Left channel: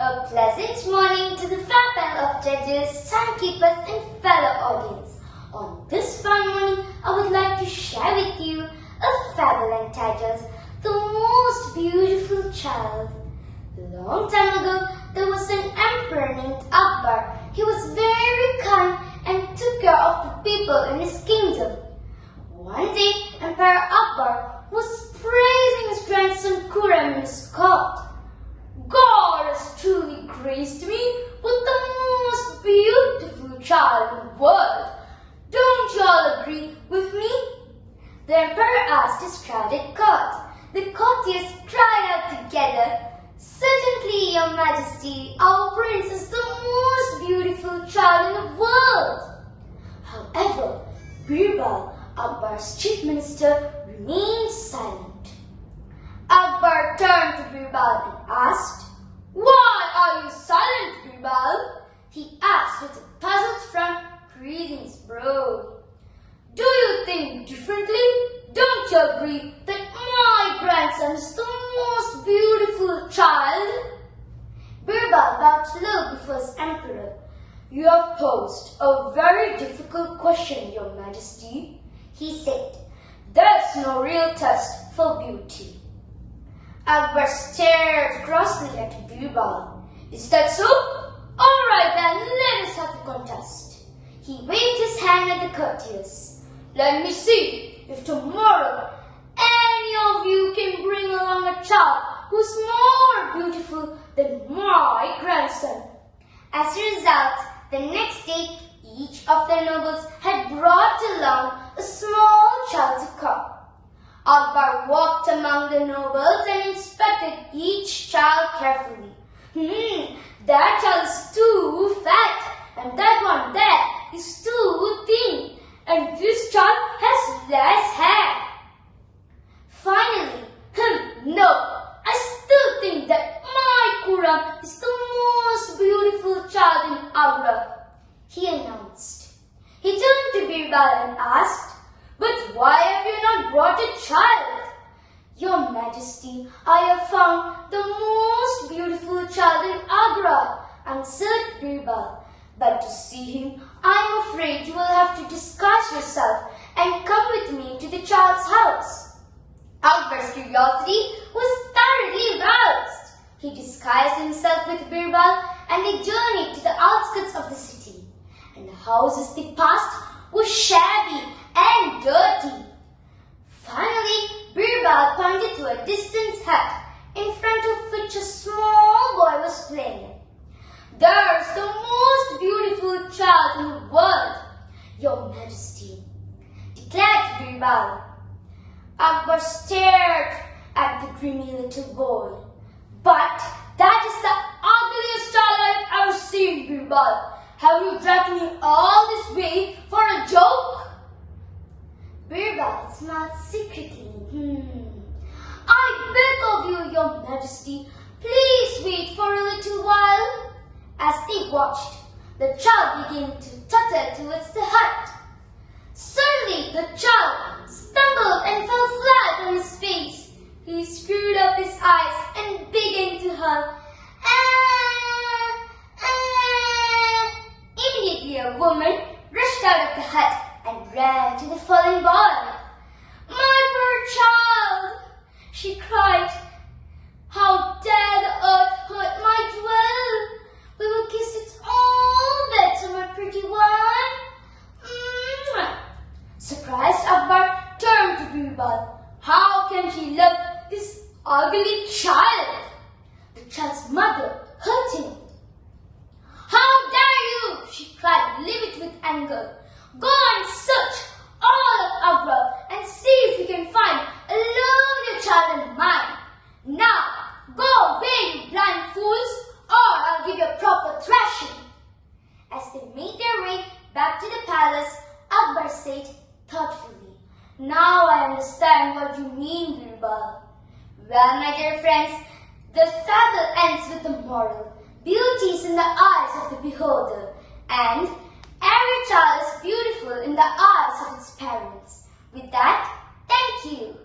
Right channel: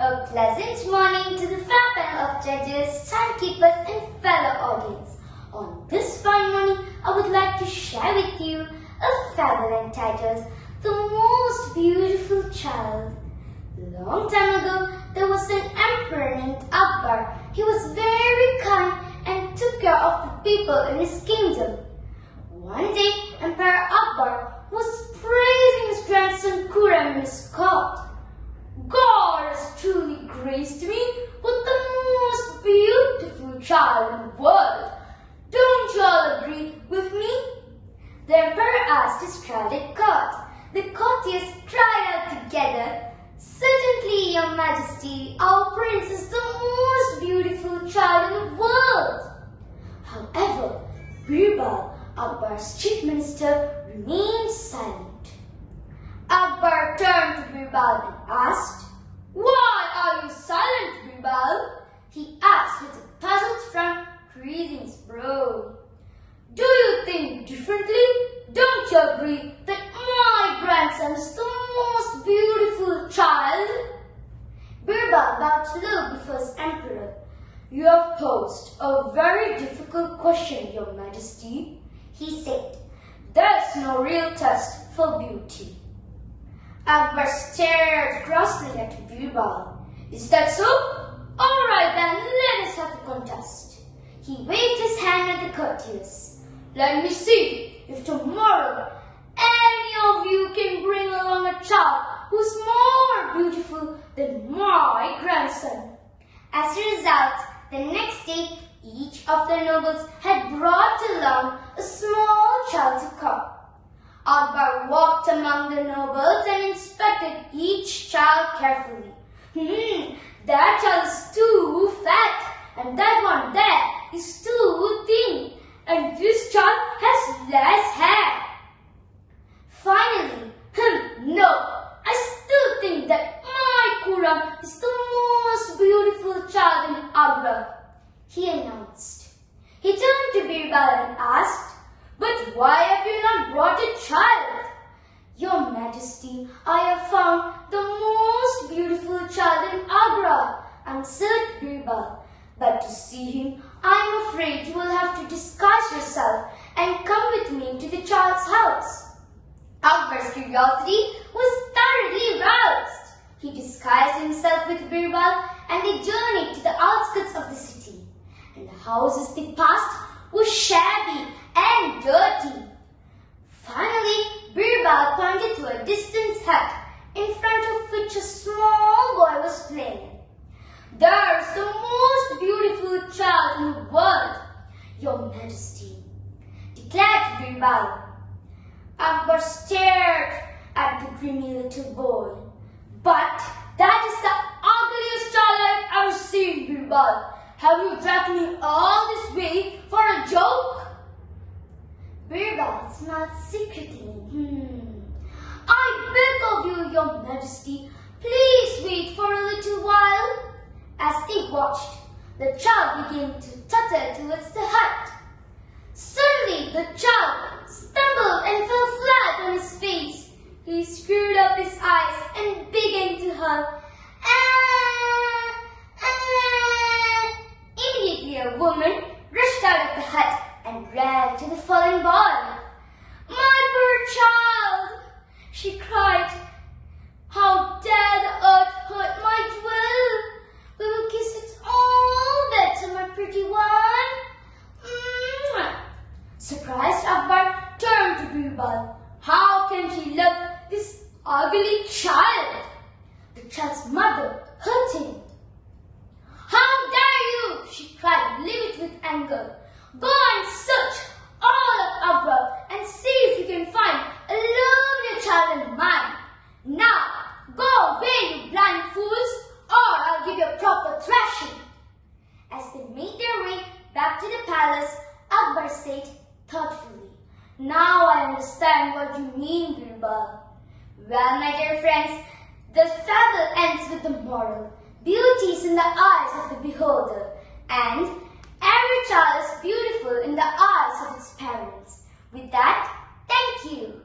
A pleasant morning to the fab panel of judges, timekeepers and fellow audience. On this fine morning, I would like to share with you a fable entitled The Most Beautiful Child. Long time ago, there was an emperor named Akbar. He was very kind and took care of the people in his kingdom. One day, Emperor Akbar was praising his grandson Khurram in his court. God has truly graced me with the most beautiful child in the world. Don't you all agree with me? The emperor asked his crowded court. The courtiers cried out together, "Certainly, your majesty, our prince is the most beautiful child in the world." However, Birbal, Akbar's chief minister, remained silent. Akbar turned to Birbal and asked, "Why are you silent, Birbal?" He asked with a puzzled frown. "Greetings, bro. Do you think differently? Don't you agree that my grandson is the most beautiful child?" Birbal bowed low before his emperor. "You have posed a very difficult question, your majesty," he said. "There's no real test for beauty." Akbar stared crossly at Birbal. "Is that so? All right then, let us have a contest." He waved his hand at the courtiers. "Let me see if tomorrow any of you can bring along a child who's more beautiful than my grandson." As a result, the next day, each of the nobles had brought along a small child to court. Akbar walked among the nobles and inspected each child carefully. That child is too fat, and that one there is too thin, and this child has less hair. Finally, no, I still think that my Khurram is the most beautiful child in Agra, he announced. He turned to Birbal and asked, "But why have you not brought a child?" "Your Majesty, I have found the most beautiful child in Agra," answered Birbal. "But to see him, I am afraid you will have to disguise yourself and come with me to the child's house." Akbar's curiosity was thoroughly aroused. He disguised himself with Birbal and they journeyed to the outskirts of the city. And the houses they passed were shabby and dirty. Finally, Birbal pointed to a distant hut, in front of which a small boy was playing. "There's the most beautiful child in the world, your majesty," declared Birbal. Akbar stared at the dreamy little boy. "But that is the ugliest child I've ever seen, Birbal. Have you dragged me all this way for a joke?" Birbal smiled secretly. "I beg of you, your majesty, please wait for a little while." As they watched, the child began to totter towards the hut. Suddenly, the child stumbled and fell flat on his face. He screwed up his eyes and began to howl. Immediately, a woman rushed out of the hut and ran to the fallen boy. "My poor child," she cried. "How dare the earth hurt my jewel? We will kiss it all better, my pretty one." Surprised, Akbar turned to Birbal. How can she love this ugly child? The child's mother hurt him. "How dare you!" she cried, livid with anger. "Go and search all of Agra and see if you can find a lovelier child than mine. Now, go away, you blind fools, or I'll give you a proper thrashing." As they made their way back to the palace, Akbar said thoughtfully, "Now I understand what you mean, Birbal." Well, my dear friends, the fable ends with the moral. Beauty is in the eyes of the beholder, and every child is beautiful in the eyes of its parents. With that, thank you.